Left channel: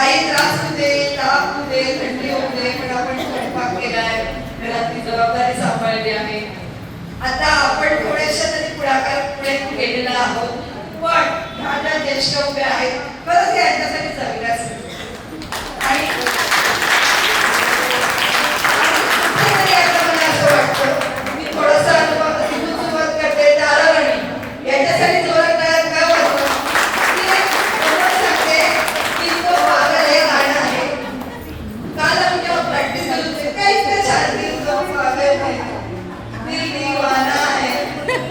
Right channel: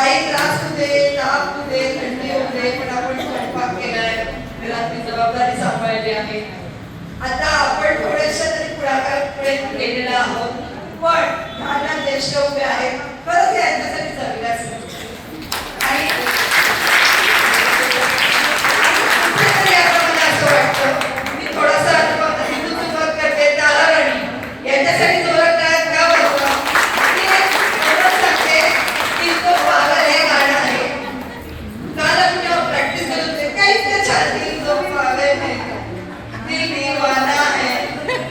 काही त्रास होते, ताप होते, थंडी होते, पण आपण स्वयंपाक केलाय, घरातली जबाबदारी सांभाळली आहे. आता आपण थोड्याशा तरी पुढाकार पुढे गेलेला आहोत, पण ह्या ज्या ज्येष्ठ उभे आहेत खरंच यांच्यासाठी जगण्यास आणि कुठेतरी आता मला असं वाटतं मी थोडासा इथून सुरुवात करते तारावणी यांच्यासाठी जोरात काय काय होतं की एवढं सांगते की तो पागल हे गाणं आहे. काल आम्ही जेव्हा प्रॅक्टिस करत होते काय इतकं छान की तो पागल है दिल दीवाना है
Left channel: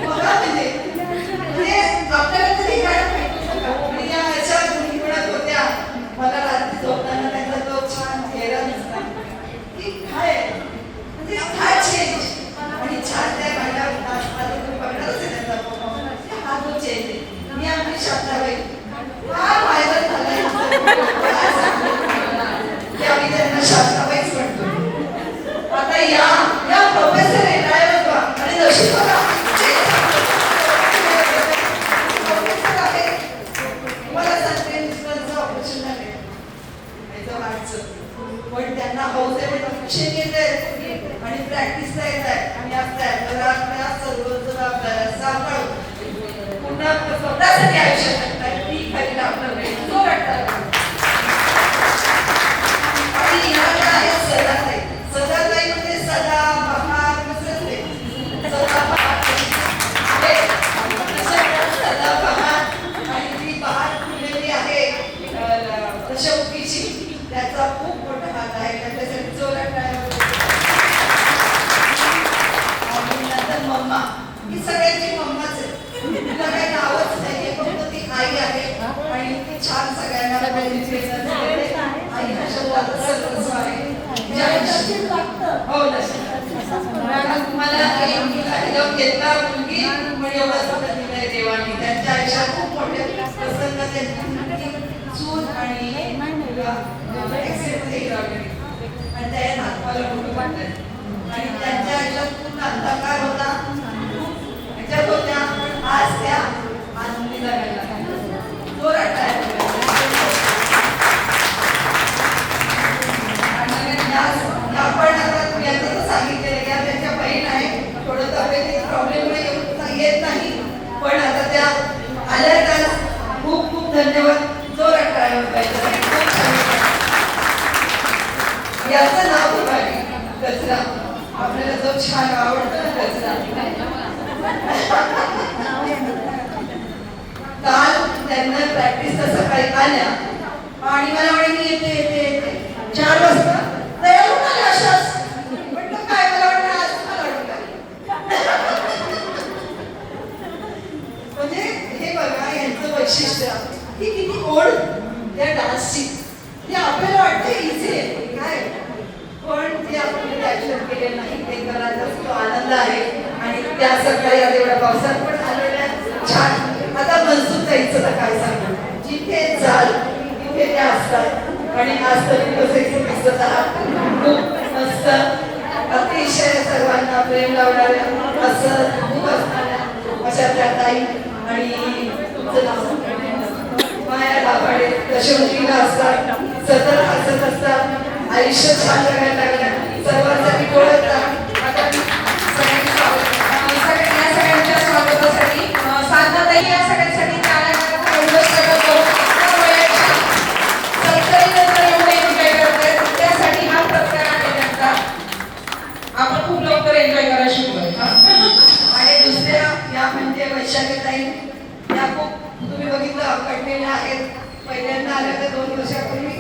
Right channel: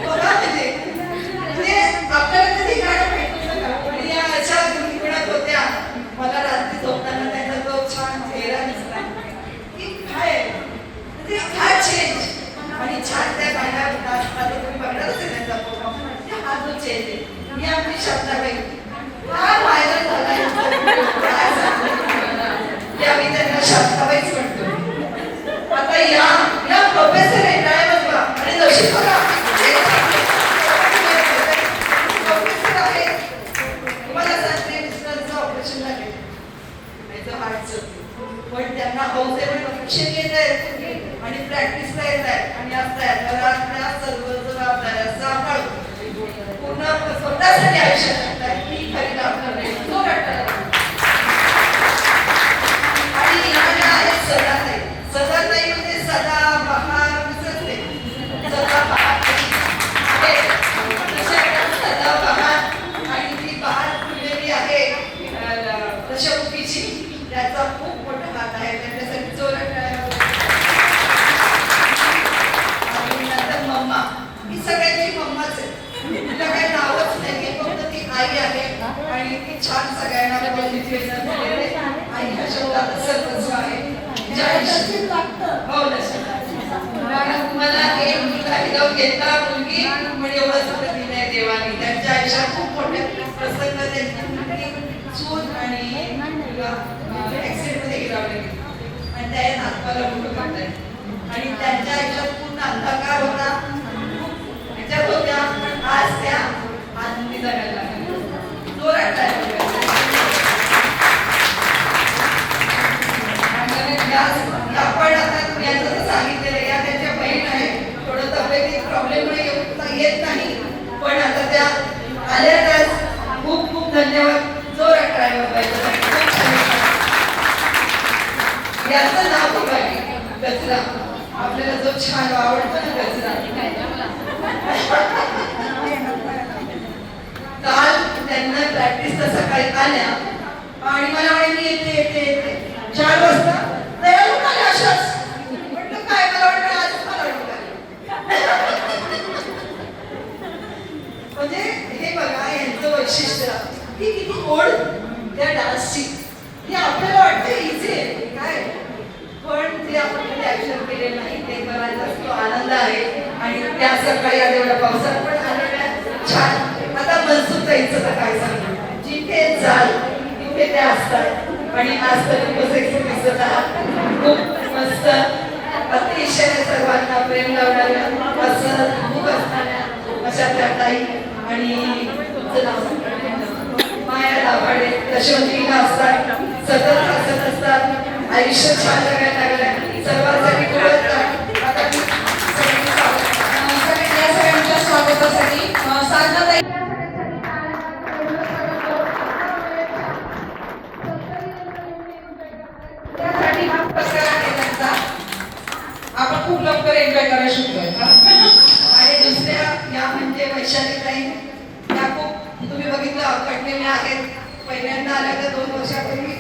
बघा म्हणजे आपल्याला कधी गाणं भेटू नका आणि या अशा गुणगुणत होत्या. मला रात्री झोपताना त्यांचा तो छान चेहरा दिसला की काय म्हणजे काय चेंज आणि छान त्या गाण्यात आता तुम्ही बघणारच आहे त्यांचा फोटो हा जो चेंज आहे मी आपली शब्दाबाई हा व्हायरल झाला की आम्ही त्यांना शब्दाबाईच म्हणतो. आता या प्रोफेसर आहे काय बघा आणि नशीब बघा प्रोफेसर आहे तुम्हाला सांगते मिस्टरचं ऑपरेशन झाले पण त्यांना हौस आहे शिक्षण घेत आहेत आणि प्रॅक्टिसला येत आहेत आणि असतात घरातल्या सर्व जबाबदाऱ्या सांभाळून पूर्ण स्वतःसाठी आयुष्य जगतात ही खरी आपलं तो वाटतं. आणि ह्या ज्या आहेत सदाताई म्हणजे सदा बहार विसरते सदा बहार आहे सदा बहार आणि ती बहार फुललेली आहे दशमुखीची त्याचा खूप मोठा हात आहे त्यांच्यासाठी जोरात आणि नंतर मम्मा ही सगळ्यांची मम्माच आहे तिला काही नावच नाही फक्त ती आई आहे आणि ती छान सगळ्यांना आई ह्या शब्दात सर्वस्व आहे. हो तुम्हाला एक मुलगा घेतला मुलगी पण एवढं सुद्धा दिलंय देवानी त्यांच्या आयुष्यात खूप मोठे प्रसंग त्यांची मुलगी सून आणि ऍक्सिडेंट मध्ये गिरावले आणि त्या नातवाला मोठं करताय आणि त्यांच्या आयुष्यात पूर्ण अंधकार होता ह्याच्यात होत्या आज त्या आनंदी जगायला जोरात आपण आता तुम्ही आता सांगितलेलं या त्यांच्या बहीण आहे थोडं तब्येतीत प्रॉब्लेममुळे येत नाही पण आता त्या आल्या खूप खूप धन्यवाद जोरात टाळ्या पाहिजे. याचं नाव खूप आहे गजरा आपल्याला जो छान आवडतो ना गजरा काल त्यांना प्रॅक्टिस सकाळी आल्या आणि मला म्हणे मी येते येते येते 4 वाजता तयार होणार अशाच म्हटलं काय मला वाटतं आज मला वाटतं म्हणजे हे बघा यांचं वैशिष्ट्य ही किती ओढ त्या डान्सची ती आपल्याला वाटतं इझी आहे काय पण ते आपण कधी ऍक्शन केलेलं नाही ते करायचा तो आनंद आहे आणि त्या सकाळी आज एवढ्या पावसात पण आलेल्या छान. आता मनसुख ताईंचं तर काय सांगू जिथे जाल तिथे त्या असतात आणि आज तरी बसायचं दिसत आहात खूप मस्त अतिशय सर्वांना प्रेम लावणाऱ्या असं खूप असणाऱ्या अशा त्या ताई आणि तुमचं नाव माया दाभाडे दशवंतीला असतात सतत हसत असतात आयुष्य छान जगायला लागलं सर्वांसाठी ओळखतात. आता सगळ्यांच्या स्वागतासाठी साधनाताई या सगळ्यांसाठी त्यासाठी हा प्रकार आहे त्यांचा आपण खूप लवकर एन्जॉय करायला शिकलोय आणि दुसऱ्या या म्हणजे वैशालीताई या खूप तुम्ही बघितलं कटलेल्या आहेत पहिल्यांदा आल्या तर 2 वर्षापूर्वी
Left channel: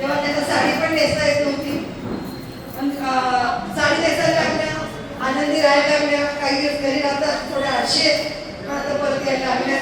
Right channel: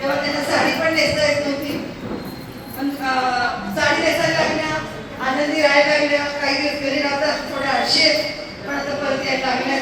तेव्हा त्यांना साडी पण नेसता येत नव्हती पण साडी नेसायला लागल्या आनंदी राहायला लागल्या काही दिवस घरी राहतात थोड्या आळशी आहेत पण आता परत यायला लागल्या